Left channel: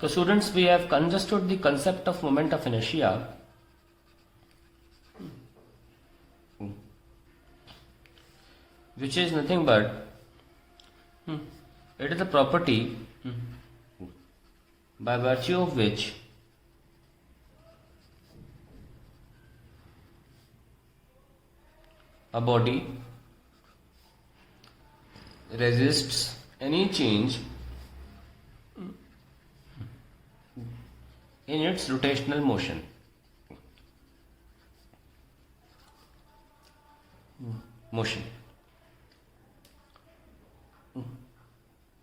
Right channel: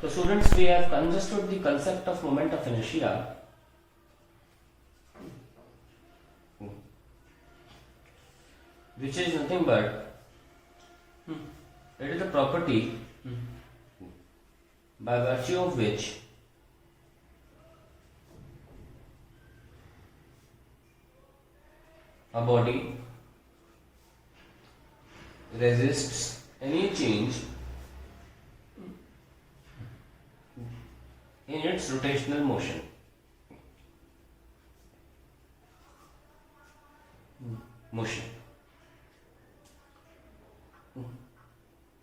So students, we have understood the concept of moment of inertia, which is nothing but it is a property by virtue of which a body resists any change in its rotational motion.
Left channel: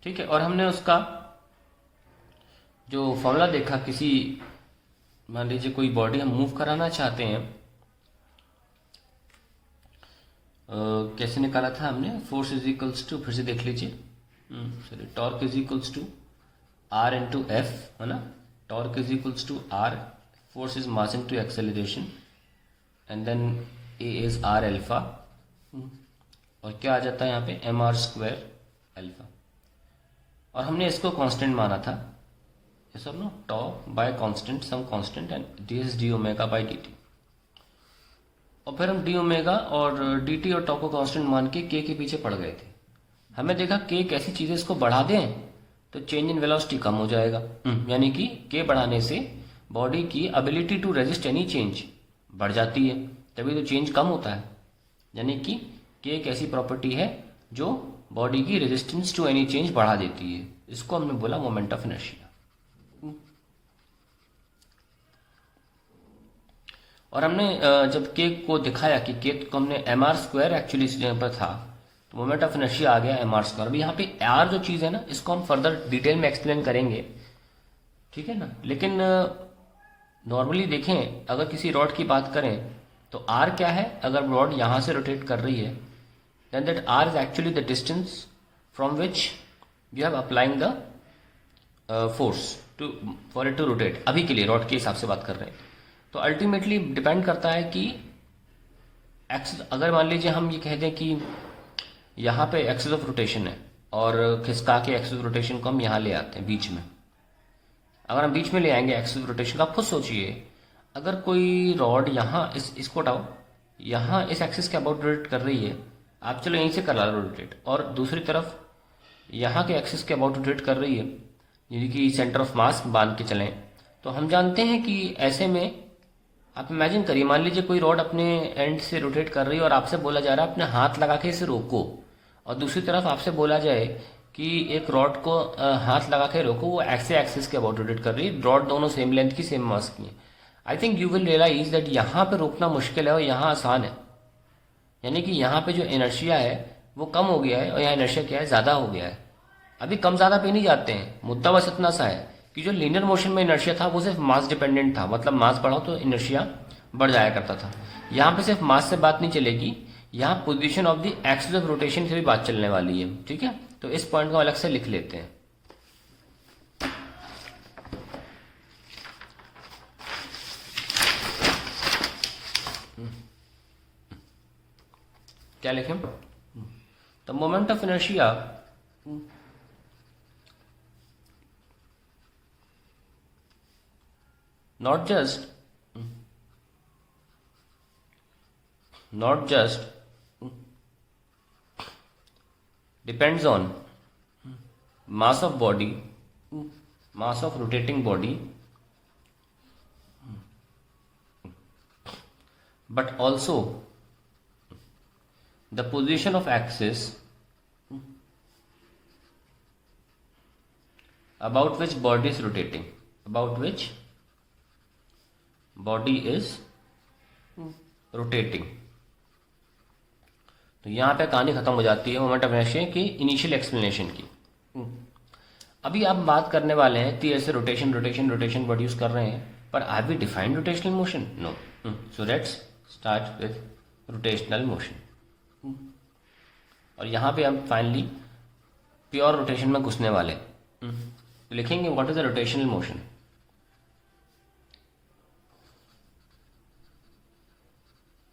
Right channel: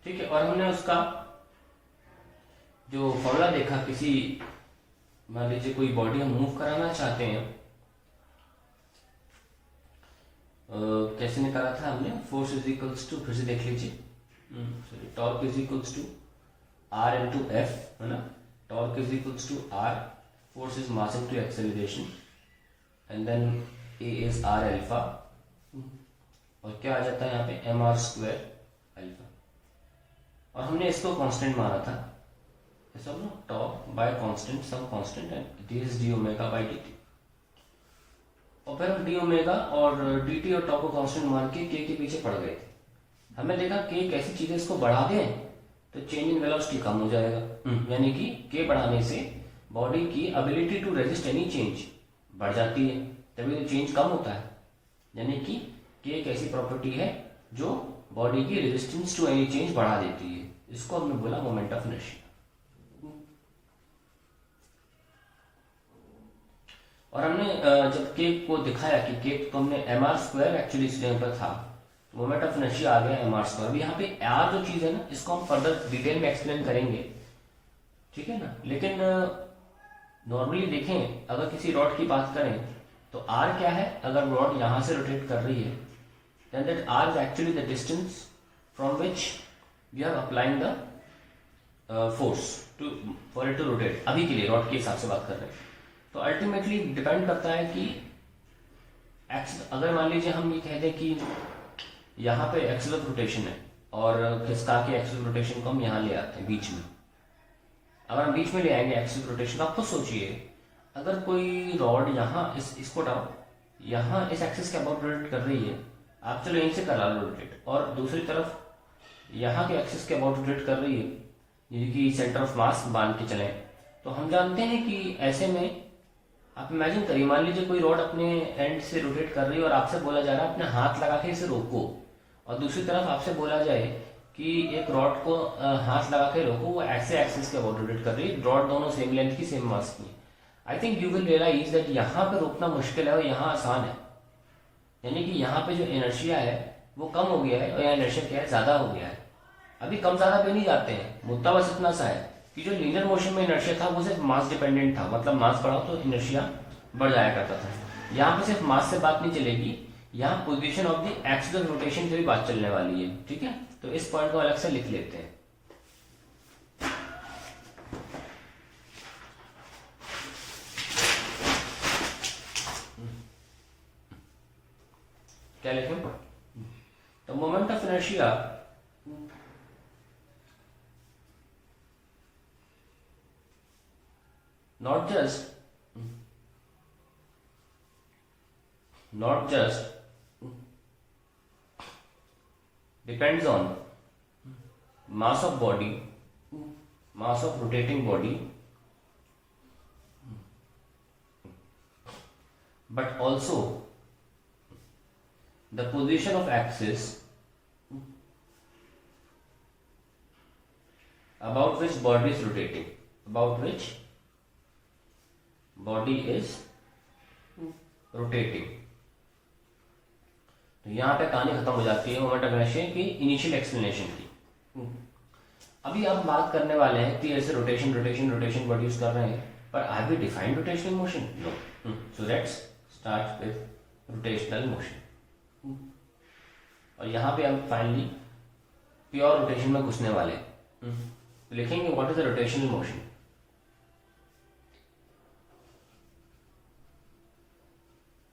ठीक है, और हमने उसका जो formula देखा, किसी मान लीजिए कोई बॉडी हम मूव कराना चाहते हैं, कैसे निकाला था हमने? फोर्स इज इक्वल्स टू, फिर से देख लीजिए, sorry, torque is equals to R into F, है ना? Torque is equals to R, force is mass into acceleration, and then A is R alpha, और क्या आ जाता है यहाँ पे? M R square alpha. और हमने इसको कांस्टेंट माना था, ये सब ना, torque by constant, some constant, and D is D omega by D T. और फिर हम डी ओमेगा और डी टी और टॉर्क को कांस्टेंट मान के के पीछे पड़ गए थे। हमें देखा के एक ऐसी चीज है, इसको बढ़ा दें तो चेंज इन वेलोसिटी कम हो जाएगा, यानी कि के बढ़ाने से बॉडी की ability to resist any change बढ़ जाती है, तभी तो चेंज कम होता है। यानी कि के एक ऐसी प्रॉपर्टी है जो बॉडी की रेजिस्टेंस टू एनी चेंज बढ़ा देती है। इसको हमने बोला मोमेंट ऑफ इनर्शिया। और हमने जब के को दिखाया कि के को हमने एम आर स्क्वायर एक्चुअली इस जगह पर था, तो मोमेंट ऑफ इनर्शिया आ गया एम आर स्क्वायर। यहाँ पे आर जो चीज है ना, इसको हम फर्दर डिटेल में एक्सप्लेन करेंगे, ठीक है ना? लेकिन नॉर्मली देखें, अगर किसी रॉड की बात करें तो आर क्या है? अगर रॉड यहां से रोटेट कर रही है, then that r is actually the distance from which we are applying the force for it to rotate। अभी के लिए रॉड के हिसाब से बात कर रहे हैं, तो अल्टीमेटली डिपेंड करता है कि एक्सिस, अगर मान लीजिए हम ये कहते हैं कि यहाँ पे एक्सिस ऑफ रोटेशन है और खिसका के एक्सिस ऑफ रोटेशन को हम यहाँ ले आते हैं बीच में। अगर हम बीच में ले आएंगे एक्सिस ऑफ रोटेशन, आप खुद सोचिए, अगर कोई रॉड यहाँ इसको उठाओ, यहाँ इस एक्सिस के अबाउट रोटेट कर रही है, आप चलो यहीं से करा लो रोटेट, और दूसरी तरफ यहाँ के एक्सिस के अबाउट रोटेट कर रही है, यानी कि सेंटर ऑफ मास बांध के चलें, तो हम जानते हैं कि ऐसे में आप इमेजिन करिए, मान लीजिए कोई रॉड अपने एंड से रोटेट कर रही है और आपसे बोला जा रहा है अपने हाथ लगा के इसे रोको, और दूसरी तरफ आपसे बोला जाए कि एक रॉड को हाथ लगा के रोको, वो ऐसे एक्सिस के अबाउट रोटेट कर रही है, रॉड दोनों सेम लेंथ की, सेम मास की है। I think you will realise that यहाँ पे रोकना मुश्किल है और यहाँ आसान है। यानी कि यहाँ पे जो इनर्शिया है वो कम हो गया है और यहाँ इनर्शिया क्या है? ज्यादा हो गया है। अभी कम ज्यादा पे नहीं जाते हैं, मुद्दा बस इतना सा है कि जो लीनियर मोशन में इनर्शिया था वो सिर्फ मास डिपेंडेंट था, मतलब मास बढ़ाओ तो इनर्शिया बढ़ जाया करता था। यहाँ पे सिर्फ मास से बात नहीं चलेगी, यहाँ position of the axis of rotation से भी बात चलने वाली है, ठीक है? तो इस पॉइंट को अलग से लिख लेते हैं। क्या लिखें? The moment of inertia not just depends on mass of body, mass of rotating body, but also the position of axis about which body is rotating, about which body is rotating। तो यहां पे कहानी खत्म हो जाती है moment of inertia की initial explanation की। अभी आप बात करने वाले हैं कि ऐसे rotation rotation rotation word use कर रहे हैं, पर are we defined rotational motion? No. So let's start with rotational motion. और यहां पे हम फाइनली प्योर रोटेशन में घुसने वाले हैं। लिखेंगे what is the rotational motion.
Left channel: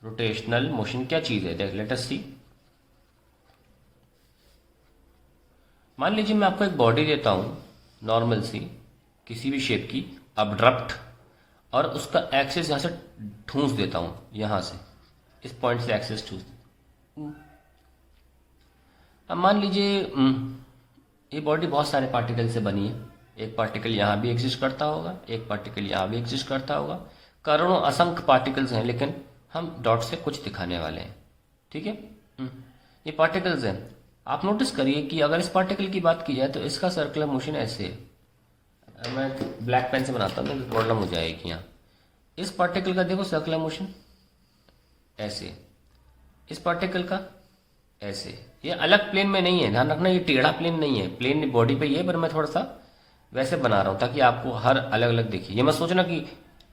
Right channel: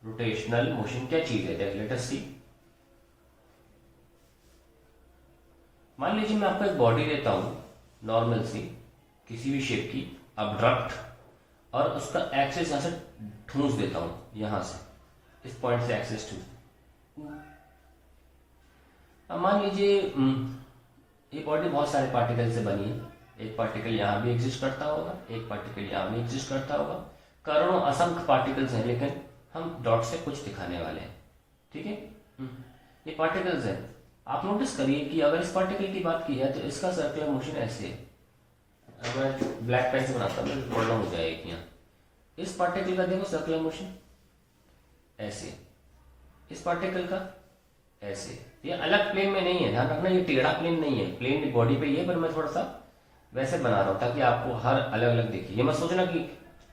Rotational motion क्या चीज है, लेट अस सी। मान लीजिए मैं आपको एक बॉडी देता हूं नॉर्मल सी, किसी भी शेप की अब्रप्ट, और उसका एक्सेस यहाँ से ठूंस देता हूं, यहां से इस पॉइंट से एक्सेस ठूंस। अब मान लीजिए ये बॉडी बहुत सारे पार्टिकल से बनी है, एक पार्टिकल यहाँ भी एग्जिस्ट करता होगा, एक पार्टिकल यहाँ भी एग्जिस्ट करता होगा, करोड़ों असंख्य पार्टिकल्स हैं, लेकिन हम डॉट से कुछ दिखाने वाले हैं। ठीक है, ये पार्टिकल्स हैं। आप नोटिस करिए कि अगर इस पार्टिकल की बात की जाए तो इसका सर्कुलर मोशन ऐसे है। मैं ब्लैक पेन से बनाता हूँ, प्रॉब्लम हो जाएगी यहाँ। इस पार्टिकल का देखो सर्कुलर मोशन ऐसे, इस पार्टिकल का ऐसे। ये अलग प्लेन में नहीं है, ध्यान रखना, ये टेढ़ा प्लेन नहीं है, प्लेन बॉडी पे ही है, पर मैं थोड़ा सा वैसे बना रहा हूं ताकि आपको हर अलग अलग दिखे। ये मत सोचना कि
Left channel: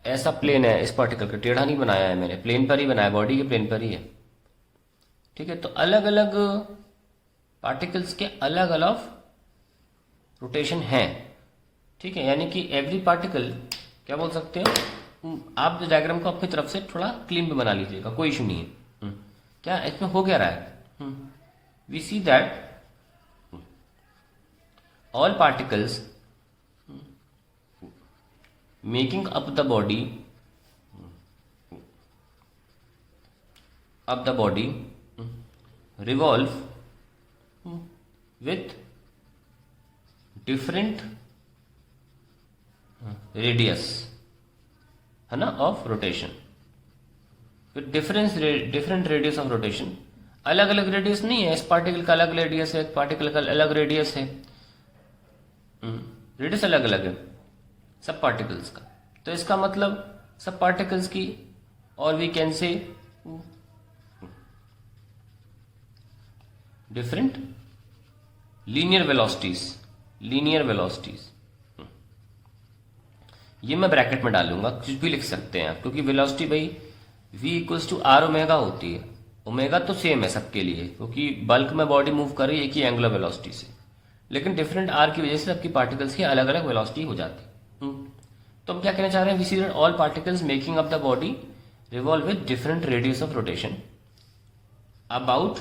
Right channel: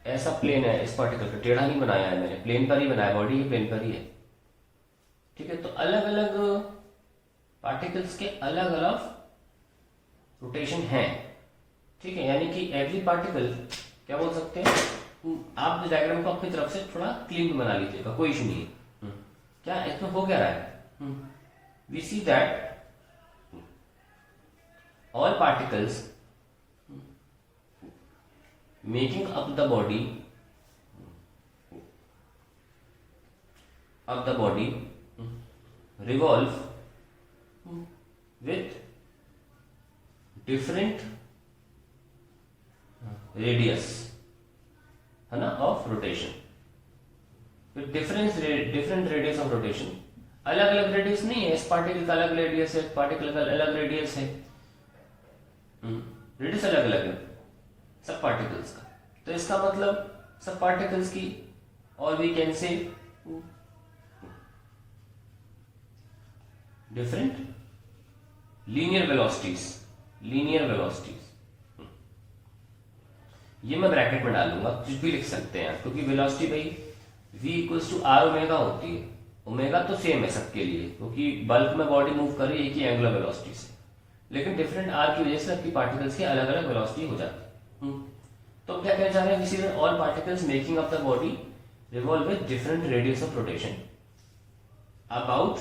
ऐसा प्लेन है इस पार्टिकल का, टेढ़ा नहीं बनाया है मैंने, प्लेन पर ही बनाया, बॉडी के प्लेन पर ही है। ठीक है, तो अलग अलग पार्टिकल्स के अलग अलग रोटेशन है। ठीक है, यानी कि एवरी पार्टिकल, क्या बोल सकते हैं आप, जो डायग्राम को अपनी तरफ से थोड़ा क्लीन भी बना लीजिएगा, कोई इशू नहीं है। क्या इसमें हो क्या रहा है, we see that all particles making up the body revolve with different radius, है ना, of rotation, with different radius of rotation। अलग अलग रेडियस नहीं है, इस पार्टिकल का अलग रेडियस है, पार्टिकल का अलग रेडियस है, रेडियस अलग अलग है सब पार्टिकल्स का। तो इसका मतलब सब पार्टिकल्स की, और we can say different linear velocities. ये मैं ब्रैकेट में डालूंगा, कुछ भी लिख सकते हैं आप, क्योंकि वेलोसिटी भाई v equals to R omega होती है। ओमेगा तो सेम है सबके लिए, क्योंकि बल्क में बॉडी मूव कर रही है एक ही एंगुलर वेलोसिटी से, लेकिन डिफरेंट आर की वजह से सबकी पार्टिकल्स की अलग अलग वेलोसिटी हो जाती है। तो क्या कहना चाह रहे हैं, we see that all particles making up the body revolve with different radius of rotation about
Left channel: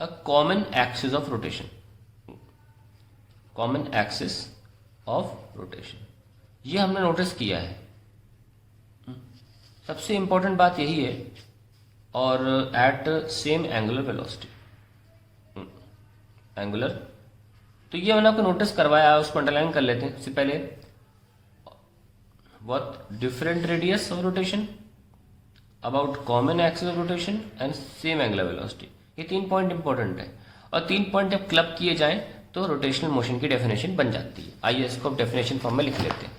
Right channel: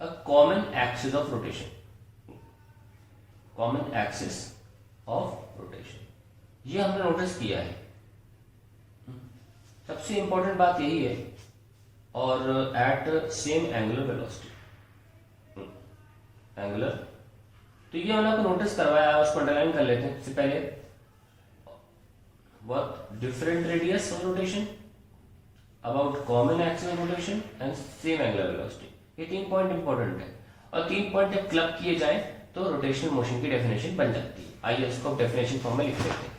a common axis of rotation. Common axis of rotation, ये हमने नोटिस किया है। सबसे इंपॉर्टेंट बात यही है, और at same angular velocity, angular. तो ये मैंने आपको नोटिस करवाया, उसको अंडरलाइन कर लेते हैं। सबसे पहले what different radius of rotation about common axis of rotation and same angular velocity। ये 3 पॉइंट इंपॉर्टेंट है, और 3 पॉइंट जब क्लब किए जाए तो रोटेशनल मोशन की डेफिनेशन बन जाती है। आइए इसको डेफिनेशन फॉर्म में लिख लेते हैं।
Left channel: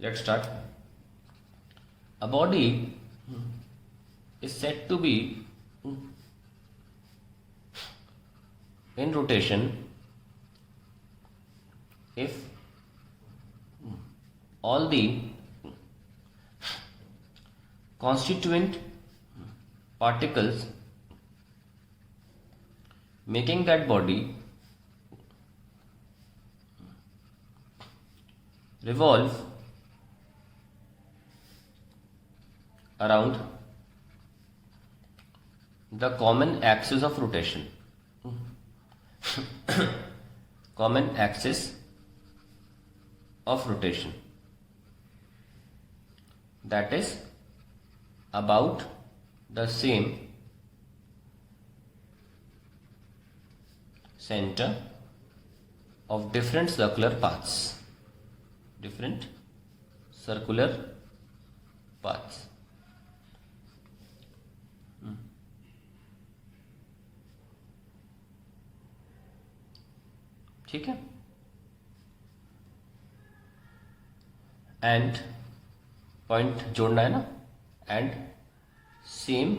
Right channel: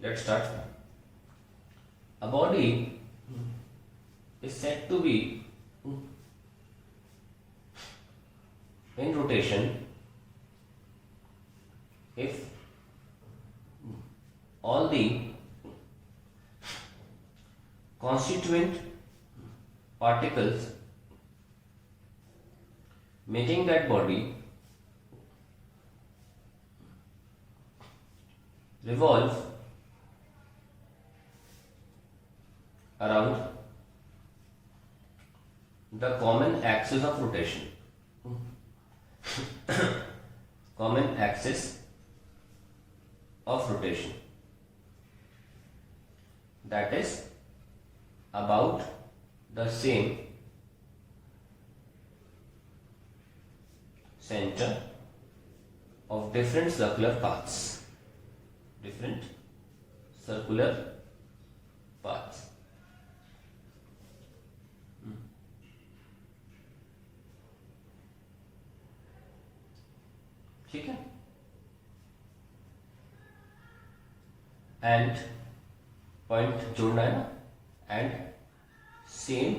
Let's start. A body is said to be in rotation if all the constituent particles making that body revolve around the common axis of rotation common axis of rotation, that is about the same center of different circular paths, different circular paths। ठीक है, and point जोड़ना है ना, and same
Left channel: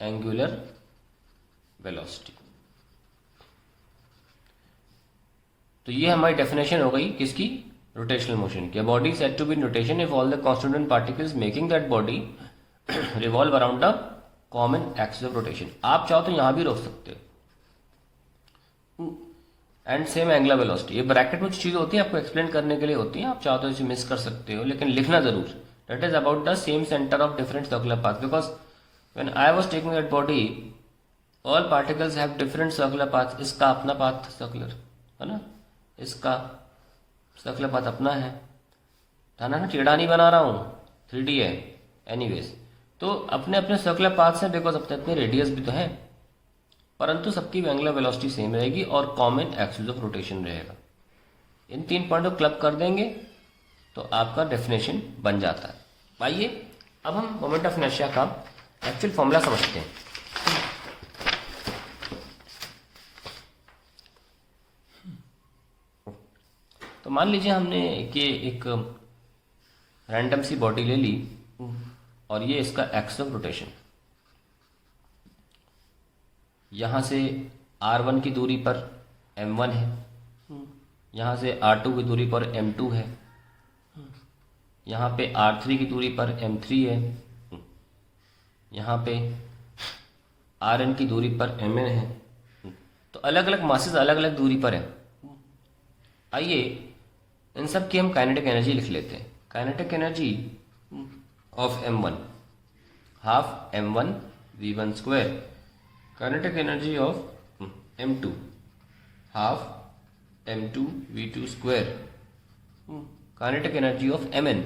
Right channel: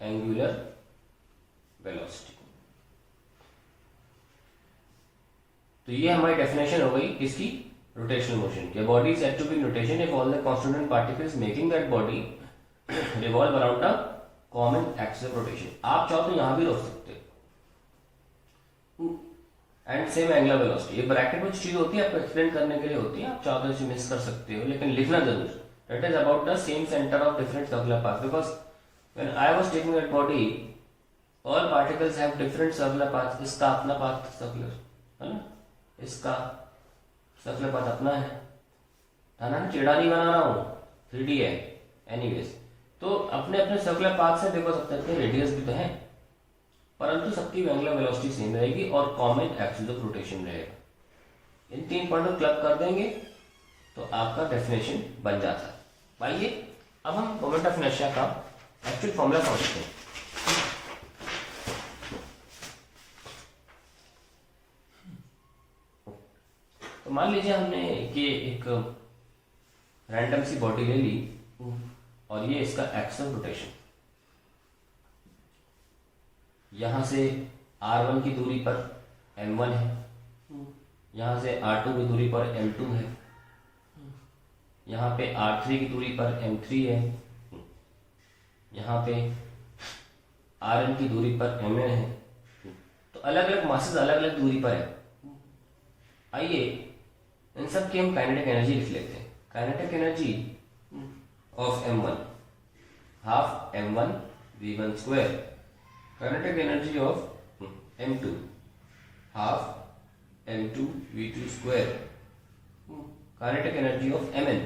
angular velocity. तो ये हमारी definition हो गई किसकी, रोटेशनल मोशन की। Body said to be in rotation if all the constituent particles making that body revolve around the common axis of rotation. आप चाहो तो यहां भी रोक सकते हो, एंड सेम एंगुलर वेलोसिटी। ये ब्रैकेट में चीज होती है, आपको एक्सप्लेन करने के लिए होती है, आप चाहो तो इसे मिस कर सकते हो, लेकिन लिखना जरूर, that is about the same centre of different circular path. Because when I was taking that body all particles have different circular path, इसका अपना पाथ सर्कुलर है ना, इसका सर्कुलर पाथ अपना है ना, टेढ़ा नहीं बना रहा हूँ, 3D है एनीवेज। तो अपने अपने सर्कुलर पाथ से, बिकॉज अपने अपने रेडियस भी तो है, परंतु सबकी एंगुलर वेलोसिटी सेम रहेगी और कॉमन एक्सिस ऑफ रोटेशन रहेगा। इन 3 पॉइंट को क्लब कर देंगे तो आपका डेफिनेशन बन जाता है। आइए अब हम मोमेंट ऑफ इनर्शिया का एक्चुअल फॉर्मूला समझते हैं। तो मान लीजिए हमने कि एक रैंडम सी बॉडी ले ली और ये इसका एक्सिस ऑफ रोटेशन, यहां से r1 की दूरी पर m1 है, यहां से r2 की दूरी पर m2 है, यहाँ पे r3 की दूरी पर m3 है, यहाँ पे rn की दूरी पर mn है। तो अलग अलग मासेस अलग अलग दूरी पर है। आइए इन सब की हम काइनेटिक एनर्जी लिख लेते हैं। Kinetic energy of m1 half m1 v1 square, kinetic energy of m2 half m2 v2 square, kinetic energy of mn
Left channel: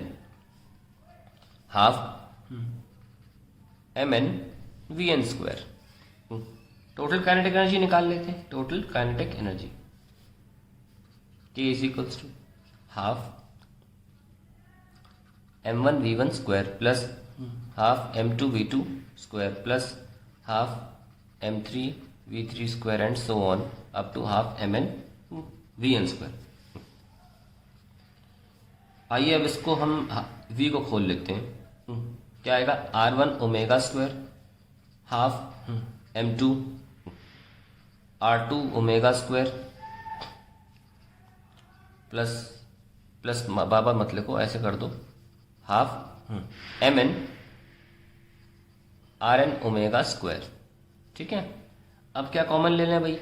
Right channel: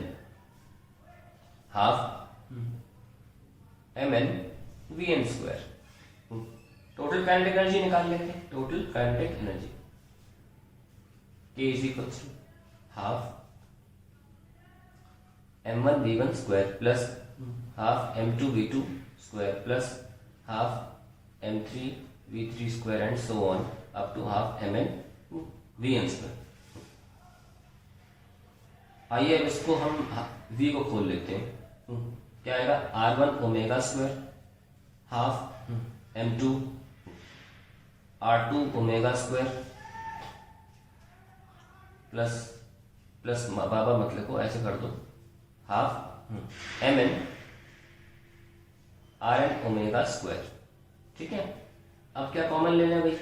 half mn vn square. Total kinetic energy निकाल लेते हैं। Total kinetic energy K is equals to half m1 v1 square plus half m2 v2 square plus half m3 v3 square and so on up to half mn vn square. आइए अब इसको हम v को खोल लेते हैं। क्या आएगा, r1 omega square half m2 r2 omega square plus plus बाबा मतलब को ऐसे कर दो, half mn rn omega square. ठीक है, अब क्या कॉमन ले लें भाई,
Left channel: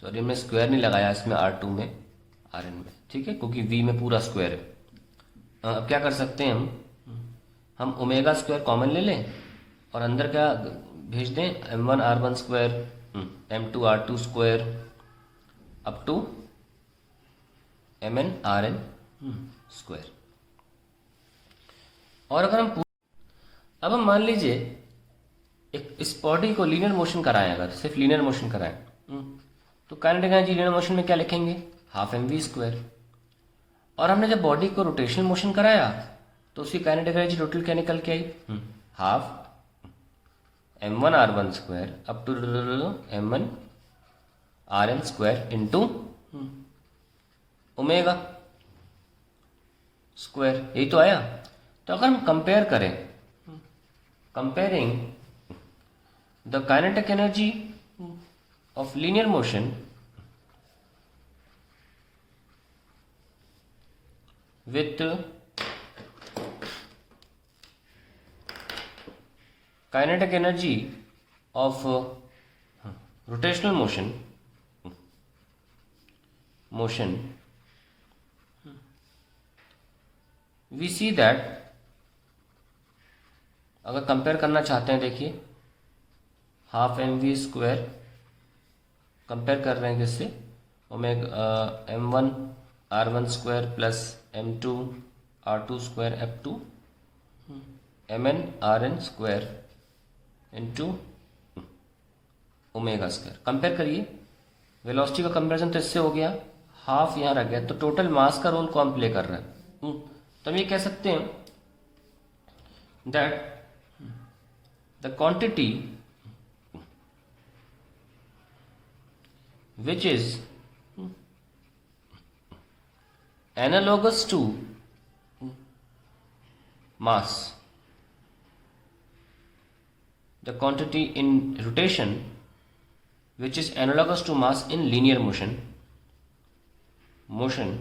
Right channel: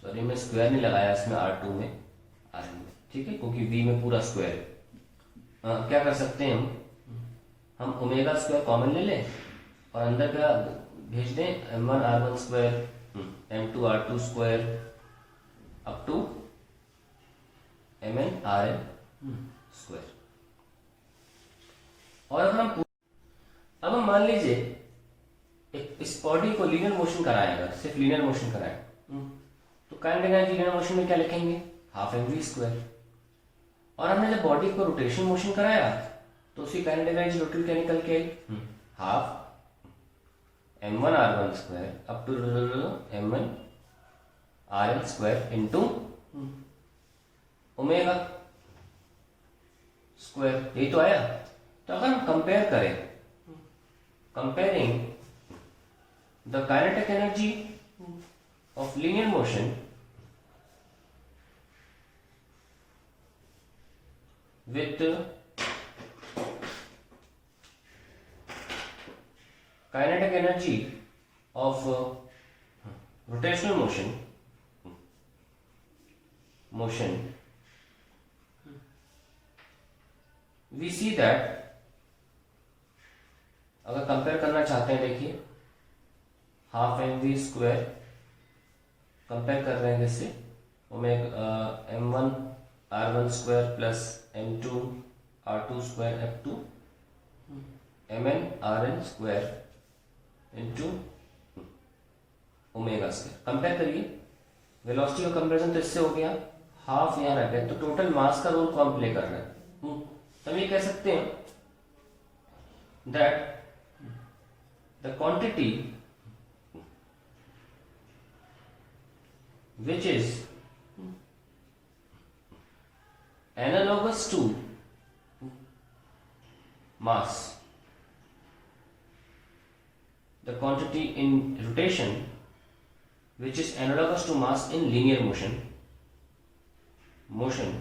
सॉरी मैं स्क्वायर नहीं लगाया इसमें r2 में rn में, ठीक है, क्योंकि v में पूरा स्क्वायर है। अब क्या कर सकते हैं हम ओमेगा स्क्वायर कॉमन ले लें और अंदर क्या भेज दें, m1 r1 square m2 r2 square up to mn rn square. और अगर अब हम मान लीजिए एक इस बॉडी को लीनियर मोशन कराएं, अगर सिर्फ लीनियर मोशन कराएं तो काइनेटिक एनर्जी लीनियर मोशन में क्या लिखेंगे, हाफ mv स्क्वायर। और हमने जब बॉडी को रोटेशनल मोशन कराया तो उसकी काइनेटिक एनर्जी टोटल क्या निकल के आई, half m1 r1 square up to m1 rn square into omega square, यही तो आया। तो अगर हम कंपेयर करें, comparing the kinetic energy of linear motion with kinetic energy of rotational motion, we see that, अगर कंपेयर करना चाहते हैं, देखिए हाफ mv स्क्वायर कंपेयर कर रहे हैं किससे, omega m1 r1 square plus m2 r2 square up to mn rn square into omega square. Compare करिए, वेलोसिटी का कंपेरिजन तो इससे हो गया, हाफ यहाँ रह गया, तो टोटल मास का रोल कौन प्ले कर रहा है। तो हम ये कह सकते हैं that the quantity which is analogous to mass, the quantity in rotation which is analogous to mass in linear motion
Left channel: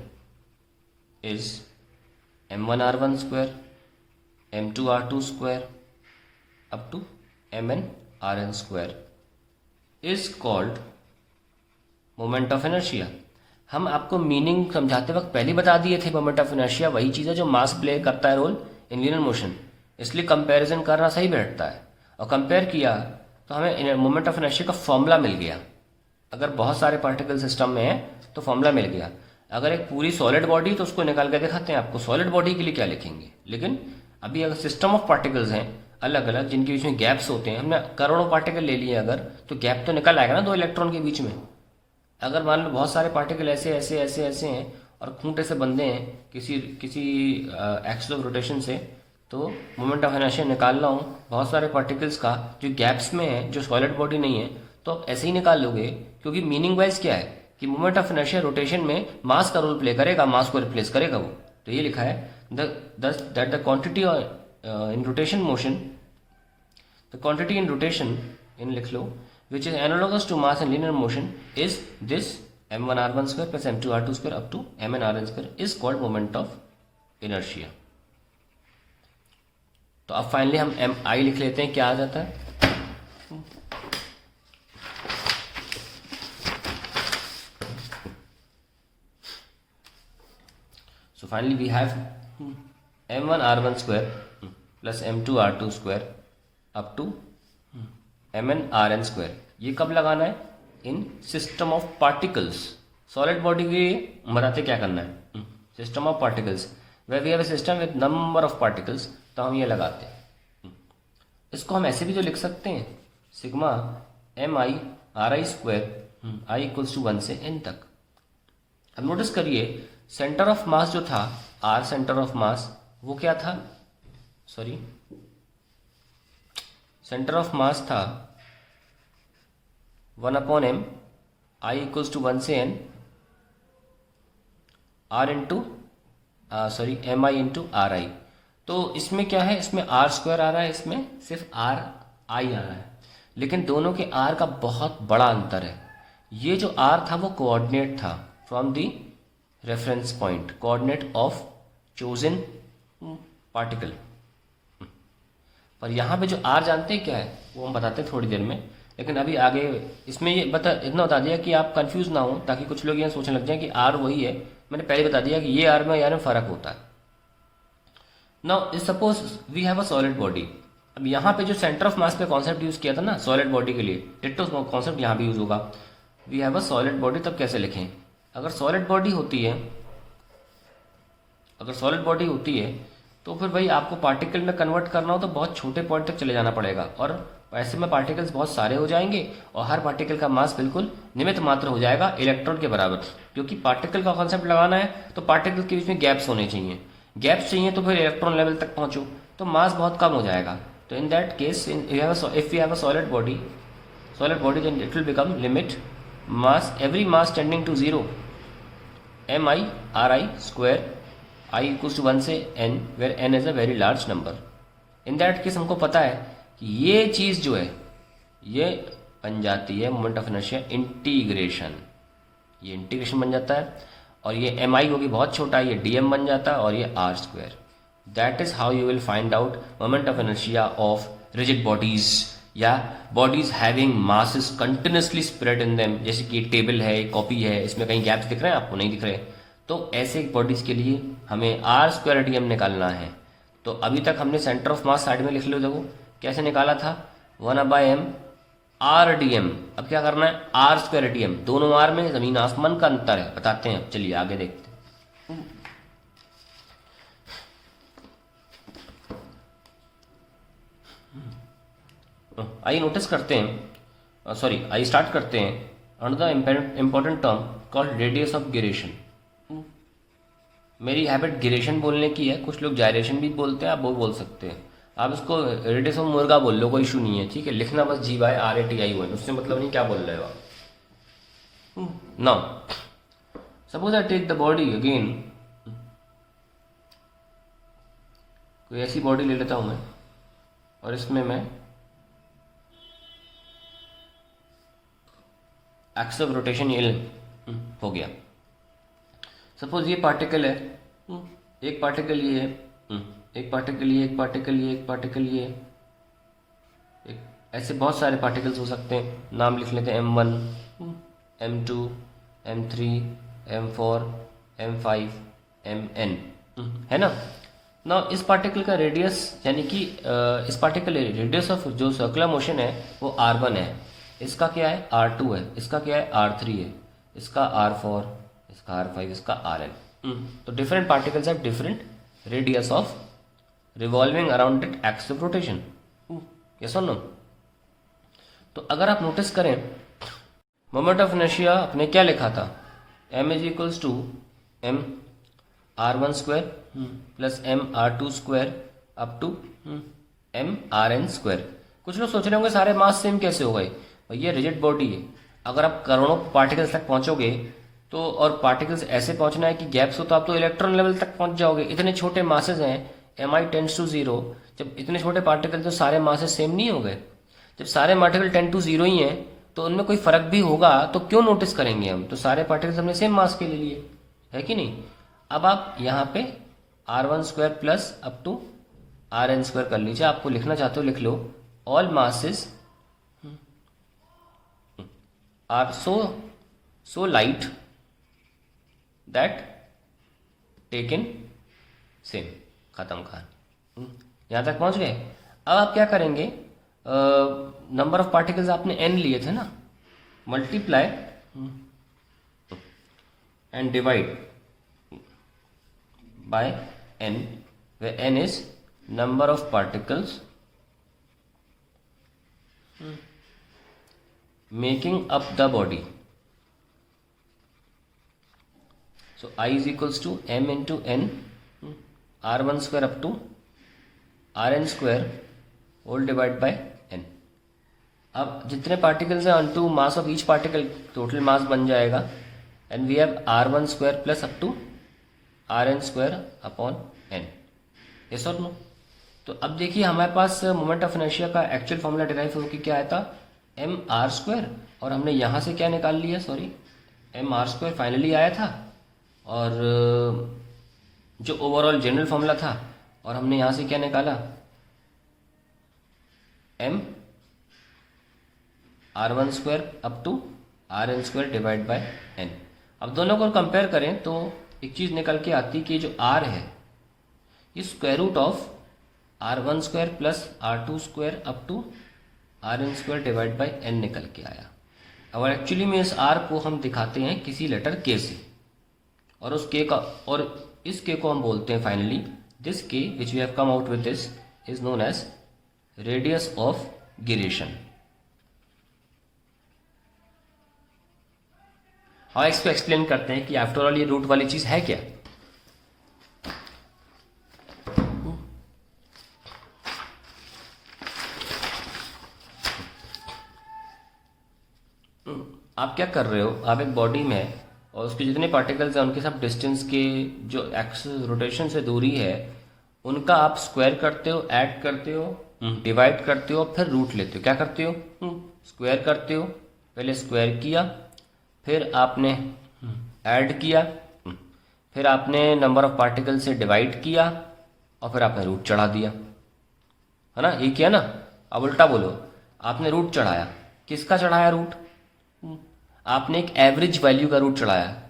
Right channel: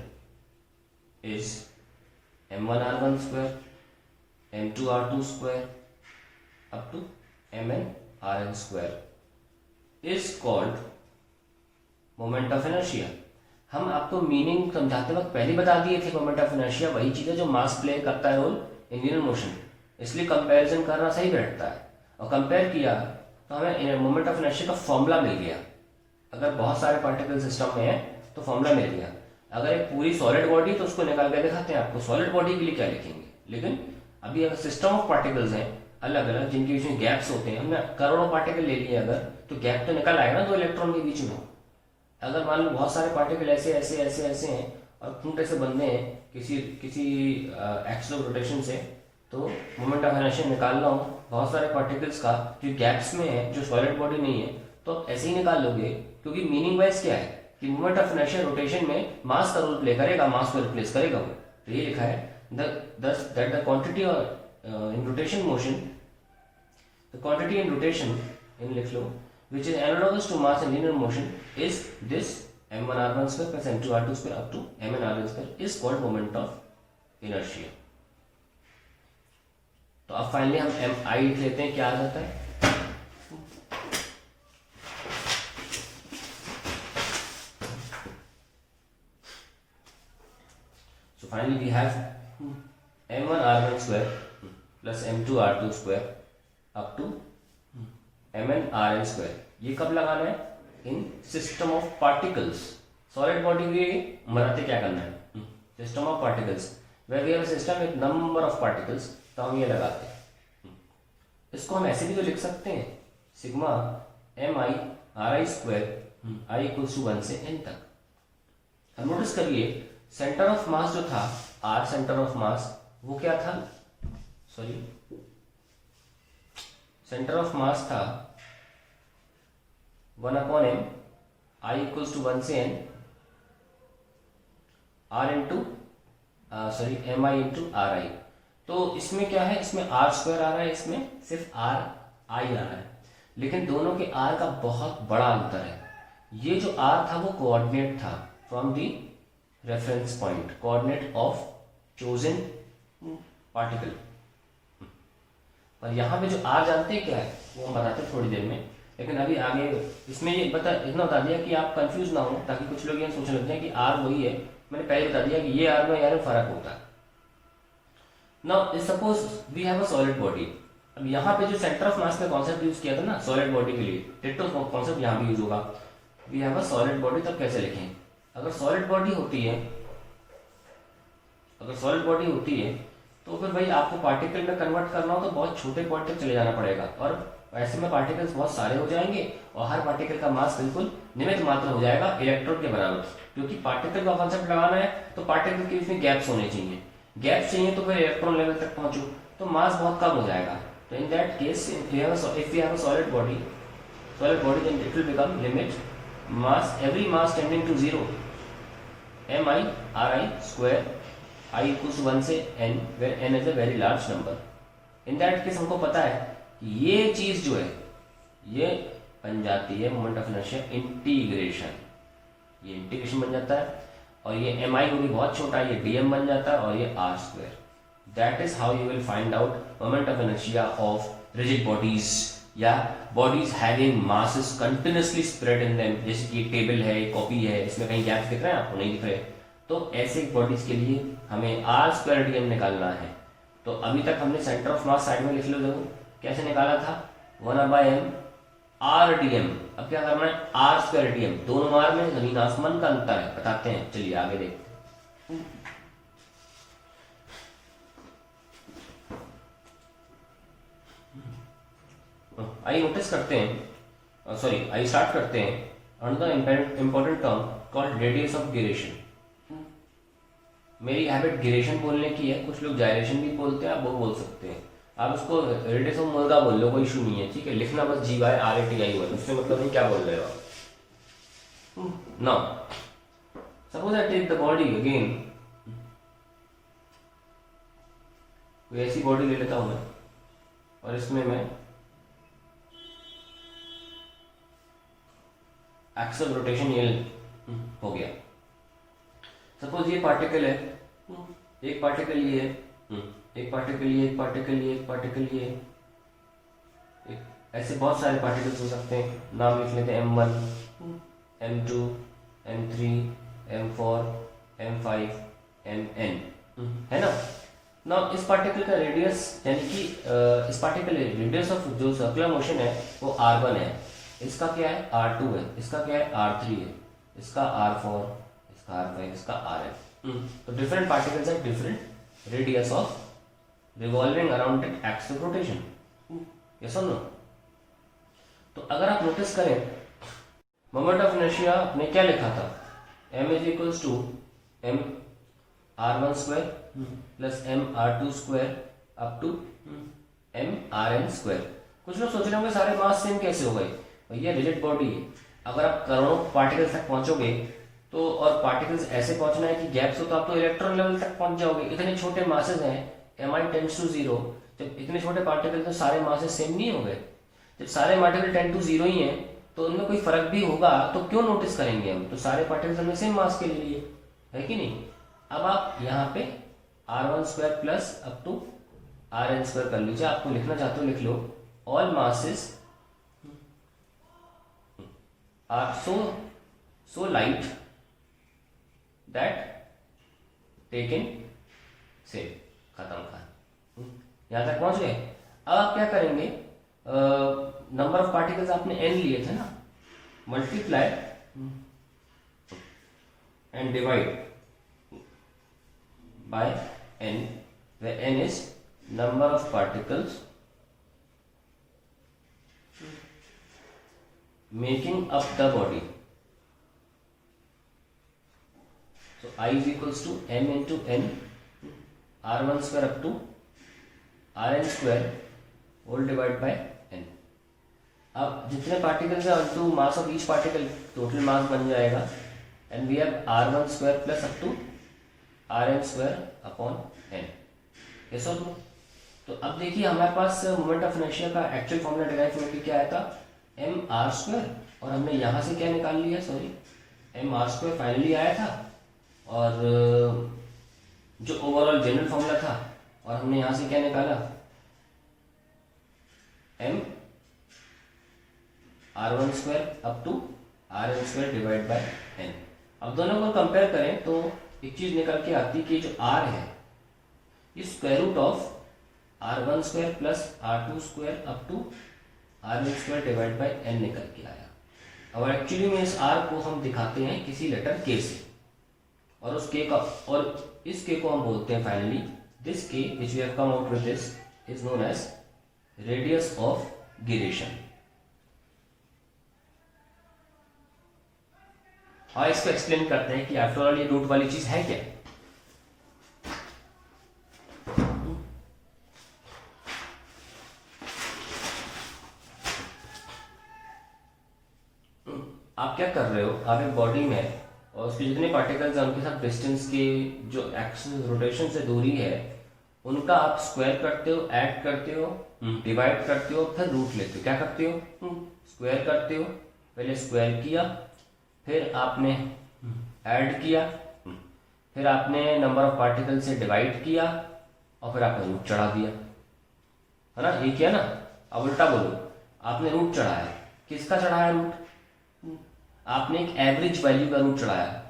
is m1 r1 square m2 r2 square up to mn rn square is called moment of inertia. हम आपको meaning समझाते वक्त पहले बता दिए थे, moment of inertia वही चीज़ है जो मास प्ले करता है रोल इन लीनियर मोशन। इसलिए कंपैरिजन करना सही बैठता है। और कंपेयर किया तो हमें मोमेंट ऑफ इनर्शिया का फॉर्मूला मिल गया। अगर बहुत सारे पार्टिकल सिस्टम में है तो फॉर्मूला मिल गया। अगर एक पूरी सॉलिड बॉडी तो उसको निकाल के दिखाते हैं आपको, सॉलिड बॉडी के लिए क्या लिखेंगे। लेकिन अभी अगर सिस्टम ऑफ पार्टिकल्स हैं अलग अलग जिनके बीच में गैप्स होते हैं, हमने करोड़ों पार्टिकल ले लिए अगर, तो गैप तो निकल आएगा ना दो इलेक्ट्रॉन के बीच में। अगर मान लो बहुत सारे पार्टिकल ऐसे ऐसे ऐसे ऐसे हैं और खूंटे से बंधे हैं किसी किसी एक्सिस ऑफ रोटेशन से, तो मोमेंट ऑफ इनर्शिया निकाल रहा हूँ बहुत सारे पार्टिकल्स का जो गैप्स में है, जो सॉलिड बॉडी नहीं है, तो ऐसे ही निकाल लोगे। क्योंकि मीनिंग वाइज क्या है कि मोमेंट ऑफ इनर्शिया रोटेशन में मास का रोल प्ले करेगा, मास को रिप्लेस करेगा वो। तो ये लिखा है that the quantity in rotation motion, the quantity in rotation इन लिख लो which is analogous to mass in linear motion is this m1r1 square plus m2r2 square up to mn rn square is called moment of inertia। तो अब finally हम M आई लिख लेते हैं, क्या आ जाता है। So finally we have m1r1 square plus m2r2 square up to mn rn square। ये कब लगाना है, in system of particles. Solid body के लिए बताते क्या करना है, system of particles way we have a system with number of particles, तो हम ये लगाते हैं। इसको हम ऐसे भी तो लिख सकते हैं, sigma M I R I square I equals to 1 से n तक। अब नोटिस करिए सेंटर ऑफ मास जो था r सेंटर ऑफ मास, वो क्या था, सॉरी सेंटर ऑफ मास था 1/m आई इक्वल्स टू 1 से n r into sorry M I into R I. तो इसमें क्या है, इसमें r स्क्वायर आ रहा है, इसमें सिर्फ r आई आ रहा है, लेकिन दोनों के r का बहुत बड़ा अंतर है। ये जो r था वो कोऑर्डिनेट था from the reference point, coordinate of chosen particle. और यहाँ पे जो r जानते हैं क्या है वो हम बताते हैं थोड़ी देर में, लेकिन अभी आगे इसमें ये इतना बता दिया कि आप कंफ्यूज ना हो, ताकि कुछ लोग ये सोचने लग जाए कि r वही है। मैंने पहले बता दिया कि ये r में यार में फर्क होता है। Now suppose we have a solid body. अब यहाँ पे जो सेंटर ऑफ मास का कॉन्सेप्ट यूज किया था ना सॉलिड बॉडी के लिए, डिट्टो कॉन्सेप्ट यहाँ भी यूज होगा। We have a solid body, तब कैसे लिखें, अगर सॉलिड बॉडी होती है, अगर सॉलिड बॉडी होती है तो फिर भाई आपको पार्टिकल में कन्वर्ट करना हो तो बहुत छोटे पॉइंट तक चले जाना पड़ेगा, और ऐसे में पार्टिकल्स बहुत सारे हो जाएंगे और हर पार्टिकल का मास बिल्कुल निमित्त मात्र हो जाएगा इलेक्ट्रॉन के बराबर। क्योंकि पार्टिकल का कॉन्सेप्ट लगाना है तो पार्टिकल के बीच में गैप्स होने चाहिए, गैप्स चाहिए तो फिर इलेक्ट्रॉन लेवल तक पहुंचो तो मास बहुत कम हो जाएगा। तो in that case if we have a solid body then it will become limit mass every mass tending to 0 M I R I square I equals to 1 से n where n is a very large number. In that case हमको पता है कि ये चीज जो है ये बन जाती है मोमेंट ऑफ इनर्शिया इंटीग्रेशन, ये इंटीग्रेशन बन जाता है, और ये एम आई होगी बहुत छोटा, ये डी एम बन जाता है, और ये r square. That is how you will find out moment of inertia of rigid bodies या bodies having masses continuously spread in them. जैसे कि टेबल है, कॉपी है, इसमें कहीं गैप दिख रहे हैं आपको, नहीं दिख रहे, तो ऐसे बॉडीज के लिए हमें आर स्क्वायर डी एम निकालना है। तो अभी तक हमने सेंटर ऑफ मास साइड में लिख लो, देखो कैसे निकाला था 1/m आर डी एम। अब क्या करना है, आर स्क्वायर डी एम, दोनों आर में जमीन आसमान का अंतर है, बताते हैं। चलिए आगे देखते हैं। आइए नोटिस करते हैं, सॉरी आइए स्टार्ट करते हैं another important term called radius of gyration. मेरी हैबिट गिरेशन बोलने की है, कुछ लोग जायरेशन भी बोलते हैं, आप वो बोल सकते हैं। आप इसको रेडियस ऑफ मुर्गा बोल लो, कोई इशू नहीं है, ठीक है। लिखना बस GYRATI हुआ, उससे मतलब नहीं क्या बोल रहे हो आप। Now suppose I take the body again, कोई ऐसी बॉडी ले लेता हूं मैं, और इसमें मैं एक्सिस ऑफ रोटेशन ये हो गया। सपोज ये पार्टिकल है, एक पार्टिकल ये है, एक पार्टिकल ये, एक पार्टिकल ये, एक पार्टिकल ये, एक ऐसे बहुत सारे पार्टिकल्स हो सकते हैं। नाम लिख लेते हैं M1, M2, M3, M4, M5, Mn, है ना। ना इस पार्टिकल का रेडियस यानी कि इस पार्टिकल रेडियस ऑफ जो सर्कुलर मोशन है वो r1 है, इसका क्या है r2 है, इसका क्या है r3 है, इसका r4, इसका r5, इसका rn। तो different particles have different radius of revolving around it axis of rotation. Yes और नो? तो अगर आप नोटिस करें मोमेंट ऑफ इनर्शिया अपने क्या लिखा था, m is equals to m r1 square plus m r2 square up to m rn square. कुछ लोग सोच रहे होंगे सारे मास सेम कैसे हो गए, भैया रिजिड बॉडी है, अगर आप करोड़ों पार्टिकल्स तक पहुंचोगे तो, और पार्टिकल्स ऐसे पहुंचना है कि गैप्स हो तो आप तो इलेक्ट्रॉन लेवल तक पहुंच जाओगे। इतने छोटे मासेस हैं, mi टेंड्स टू 0, जब इतने छोटे पार्टिकल तो सारे मासेस सेम नहीं हो गए। जब सारे पार्टिकल 10 टू 0 ही हैं तो उनमें कोई फर्क भी होगा तो क्यों नोटिस करेंगे हम, तो सारे पार्टिकल्स हमने सेम मास के ले लिए, है कि नहीं। अब आप यहाँ पे r1 square plus up to rn square कर लीजिए, आपको लिखना चाहते हो लिख लो, all masses are so light that taken same, खत्म खान। यहां तक पहुंच गए। अब आप क्या करेंगे, नंबर ऑफ पार्टिकल्स आपने n लिए थे ना, multiply and divide by n, where n is number of particles making up the body. So I is equals to m into n r1 square up to rn square whole divided by n। अब जितने particles हैं onto mass of each particle total mass बन जाएगा, and we have r1 square plus up to rn square upon n। yes or no? तो अब देखिए हमारे पास moment of inertia का एक्चुअल फॉर्मूला डिराइव होकर क्या आया था, एम आर स्क्वायर, और हमने यहाँ से क्या निकाल लिया, sorry M R square finally आया था, और जो ओवरऑल जनरल फॉर्मूला था, और हमने यहाँ से क्या निकाला, M R one square up to R N square divide by N. अब दोनों को कंपेयर करें तो एक चीज निकल के आती है कि जो आर है ये square root of r1 square plus r2 square up to rn square divide by n निकल के आया। और एक्चुअली में इस r को हम दिखाते हैं किसी लेटर k से, और उस k का, और इस k को हम बोलते हैं finally, this k which we have come out with this is known as radius of gyration. हाँ, इसको एक्सप्लेन करते हैं कि आफ्टर ऑल ये रूट वाली चीज है क्या। आप क्या कर रहे हो, आप एक बॉडी में और उसके जितने पार्टिकल्स हैं उनके सब डिस्टेंस के जो एक्सिस रोटेशन से दूरी है उनका आप स्क्वायर करते हो, ऐड करते हो, डिवाइड करते हो, फिर रूट लेते हो। क्या करते हो, स्क्वायर करते हो, पहले स्क्वायर किया, फिर आपने ऐड किया, फिर आपने नंबर ऑफ पार्टिकल से डिवाइड किया, और फिर आपने रूट चढ़ा दिया, है ना, ये किया ना। अब उल्टा बोलो, आपने रूट चढ़ाया, किसका चढ़ाया रूट, आपने एक एवरेज वैल्यू का रूट चढ़ाया।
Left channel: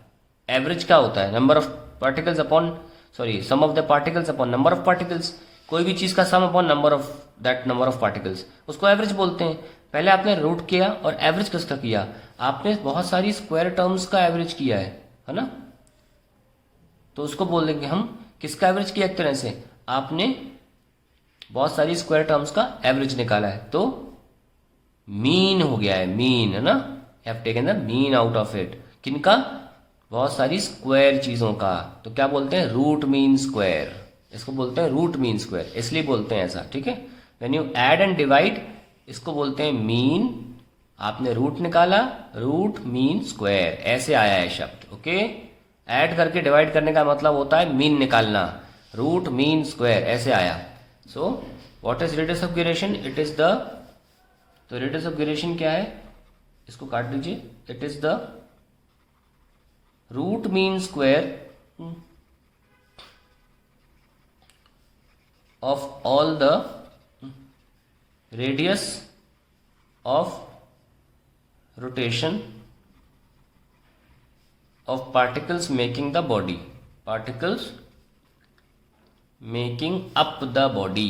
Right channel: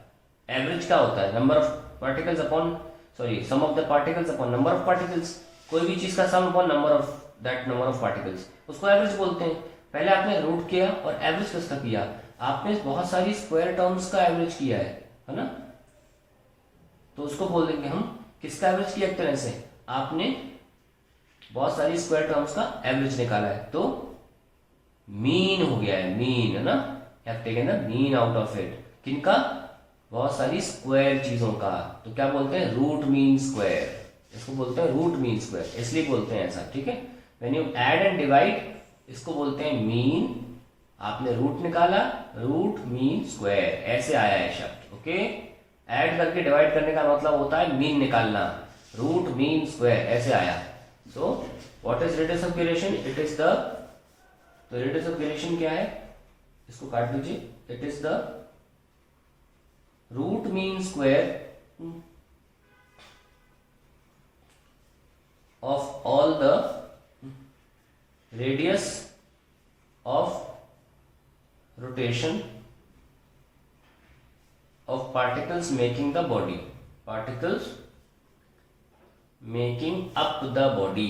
एवरेज क्या होता है, number of particles upon, sorry sum of the particles upon number of particles. कोई भी चीज का sum upon number of that number of particles, उसको एवरेज बोलते हैं। पहले आपने रूट किया और एवरेज किसका किया, आपने बहुत सारी स्क्वायर टर्म्स का एवरेज किया है ना, तो उसको बोल देंगे हम किसका एवरेज किया, एक तरह से आपने बहुत सारी स्क्वायर टर्म्स का एवरेज निकाला है, तो मीन हो गया है, मीन, है ना, have taken the mean out of it. किनका, बहुत सारी स्क्वायर चीजों का, तो क्या बोलते हैं, रूट मीन स्क्वायर, इसको बोलते हैं रूट मीन स्क्वायर, इसलिए बोलते हैं ऐसा, ठीक है। When you add and divide, इसको बोलते हैं मीन, आपने रूट निकाला, रूट मीन स्क्वायर, ऐसे आया है शब्द, ओके। ऐड करके डिवाइड करने का मतलब होता है मीन निकालना, रूट मीन स्क्वायर, ऐसे आया। So what is radius of gyration, it is the, तो रेडियस ऑफ गिरेशन क्या है, इसको काट दीजिए, it is the root mean square of all the radius of rotation of particles making the body, particles making up the body,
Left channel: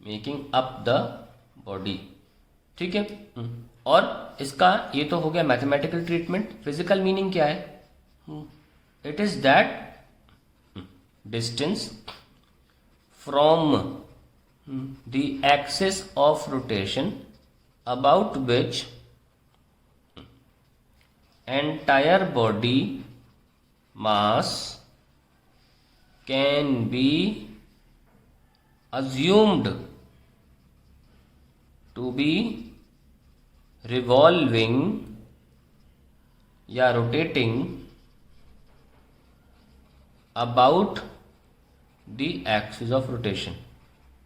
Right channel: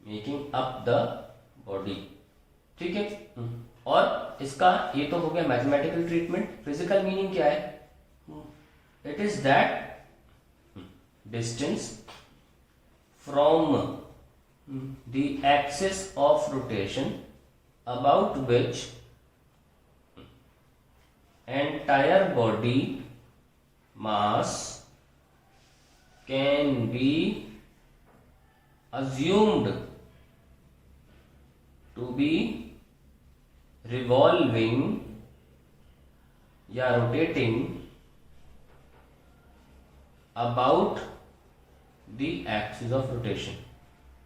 making up the body, ठीक है। और इसका ये तो हो गया मैथमेटिकल ट्रीटमेंट। फिजिकल मीनिंग क्या है? It is that distance from the axis of rotation about which entire body mass can be assumed to be revolving या rotating about the axis of rotation।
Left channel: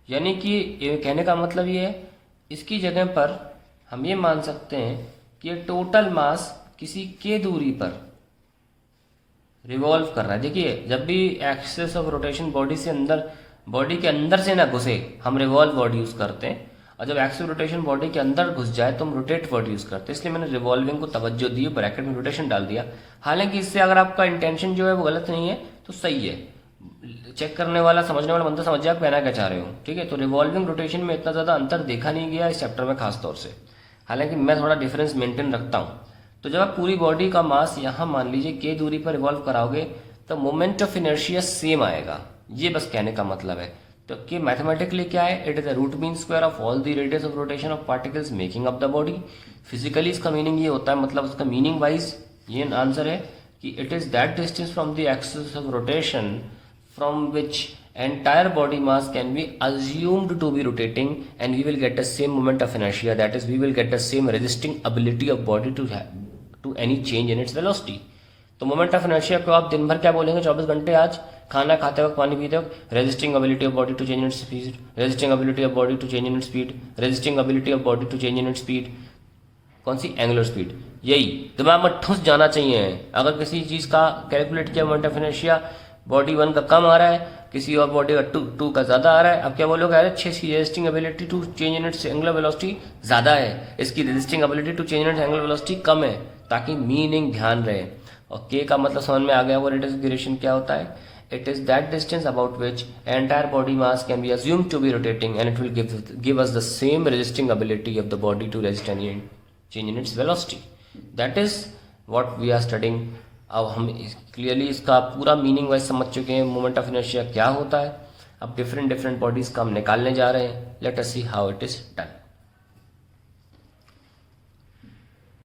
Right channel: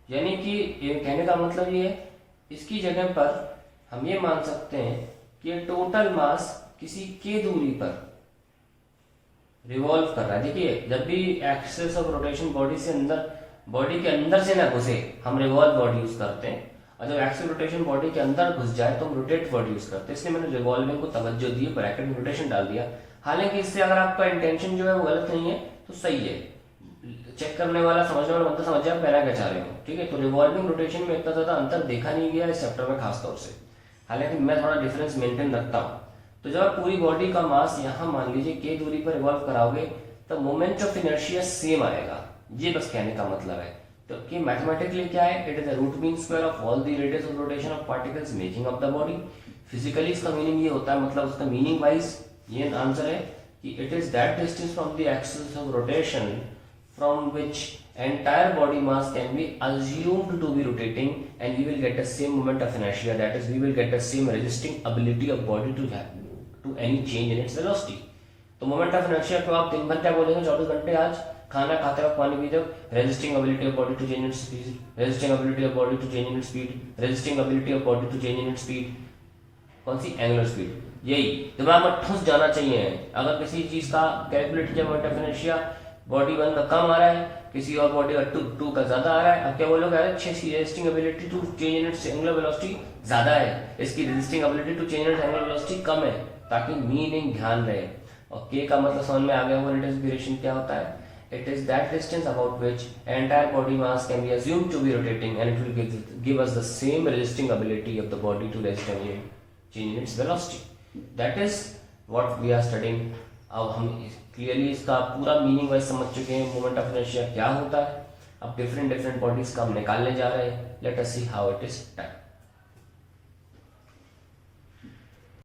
यानी कि ये कहने का मतलब ये है, इसकी जगह पर हम ये मान सकते हैं कि टोटल मास किसी के दूरी पर रिवॉल्व कर रहा है। देखिए, जब भी एक्सिस ऑफ रोटेशन बॉडी से अंदर, बॉडी के अंदर से ना घुसे, हम रिवॉल्व वर्ड यूज करते हैं, और जब एक्सिस रोटेशन बॉडी के अंदर घुस जाए तो हम रोटेट वर्ड यूज करते हैं। इसलिए मैंने रिवॉल्विंग को तवज्जो दी, ब्रैकेट में रोटेशन डाल दिया। हालांकि इससे अगर आपका इंटेंशन जो है वो गलत नहीं है तो सही है, चेक करने वाला, समझने वाला बंदा समझ जाए आप कहना क्या चाह रहे हो, ठीक है। तो रिवॉल्विंग रोटेशन में इतना ज्यादा अंतर देखा नहीं गया इस चैप्टर में खासतौर से, हालांकि मैं थोड़ा डिफरेंस मेंटेन रखता हूँ। तो जब आप पूरी बॉडी का मास यहाँ मान लीजिए के दूरी पर रिवॉल्व कराओगे तो मोमेंट ऑफ इनर्शिया सेम आएगा, ये बस कहने का मतलब है। तो कि मैथमेटिकली क्या है, it is the root mean square of all the radius of rotation of particles making up the body. Physically इसका मीनिंग ये होता है, मतलब उसका मीनिंग वाइज ये आंसर है कि it is that distance from the axis of rotation from which entire body mass can be assumed to be rotating and we will get the same moment of inertia, that is we will get the same resisting ability of body to any change in its velocity। तो moment of inertia को आप दिन भर क्या बोलेंगे 24 घंटे, आज खाना खाते वक्त, पानी पीते वक्त, resisting ability of body to change in its speed, resisting ability of body to change in its speed, resisting ability of body to change in its speed. कौन सी? Angular speed. यही दिमाग में ठुस जाना चाहिए। अगर किसी चीज का कैलकुलेट किया मोमेंट ऑफ इनर्शिया, बॉडी 1 का कम आ रहा है, किसी और बॉडी का 2 का ज्यादा आ रहा है, अब क्या बोलोगे? अरे 6 की resisting ability to change in its angular velocity ज्यादा है, इसकी resisting ability to change in its angular velocity कम है, ताकि मीनिंग ध्यान रहे। और के का मतलब समझ में आ गया, वो रेडियस ऑफ ड्यूरेशन क्या होता है? It is that distance about which entire body mass can be assumed to be rotating and it will give us the same resisting ability of the body to resist any change in its velocity. That is what we are studying. अब हम clearly इसका पूरा meaning wise समझ चुके हैं, moment of inertia क्या होता है। अब डिफरेंट बॉडीज का हम निकालने जा रहे हैं। Let us see how it is done.